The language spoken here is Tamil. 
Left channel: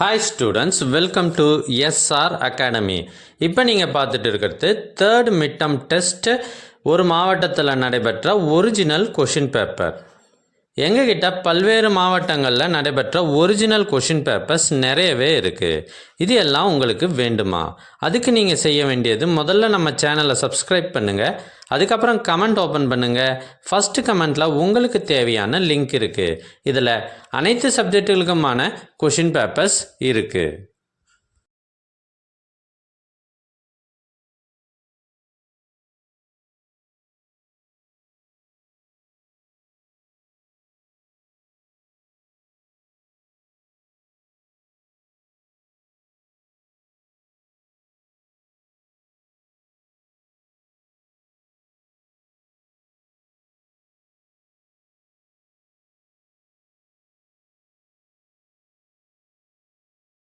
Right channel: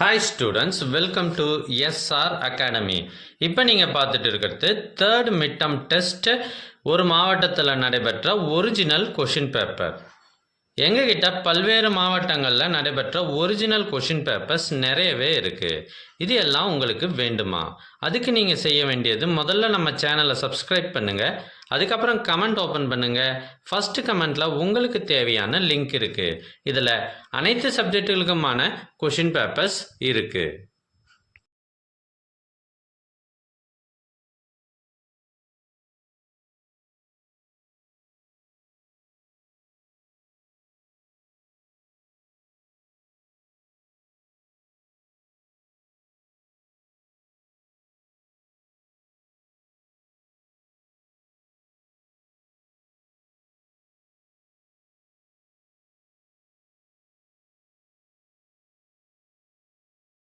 Hi students, welcome to SR academy. இப்போ நீங்கள் பார்த்துட்டு இருக்கிறது தேர்ட் மிட் டர்ம் டெஸ்ட் ஒரு மாவட்டத்தில் நடைபெற்ற ஒரிஜினல் கொஷின் பேப்பர். எங்ககிட்ட பல்வேறு மாவட்டங்களில் நடைபெற்ற ஒரிஜினல் கொஷின் பேப்பர்ஸ் நிறையவே இருக்குது. இது எல்லாம் உங்களுக்கு வேண்டுமா? அதுக்கு நீங்கள் செய்ய வேண்டியது, முதல்ல நம்ம சேனலை சப்ஸ்கிரைப் பண்ணுங்கள். அதுக்கப்புறம் கமெண்ட் ஓப்பன் பண்ணுங்கள். ஃபஸ்ட்டு கமெண்ட்டில் உங்களுக்கு தேவையான லிங்க் இருக்குது. இதில் அனைத்து சப்ஜெக்டுகளுக்குமான கொஷின் பேப்பர்ஸ் இருக்குது.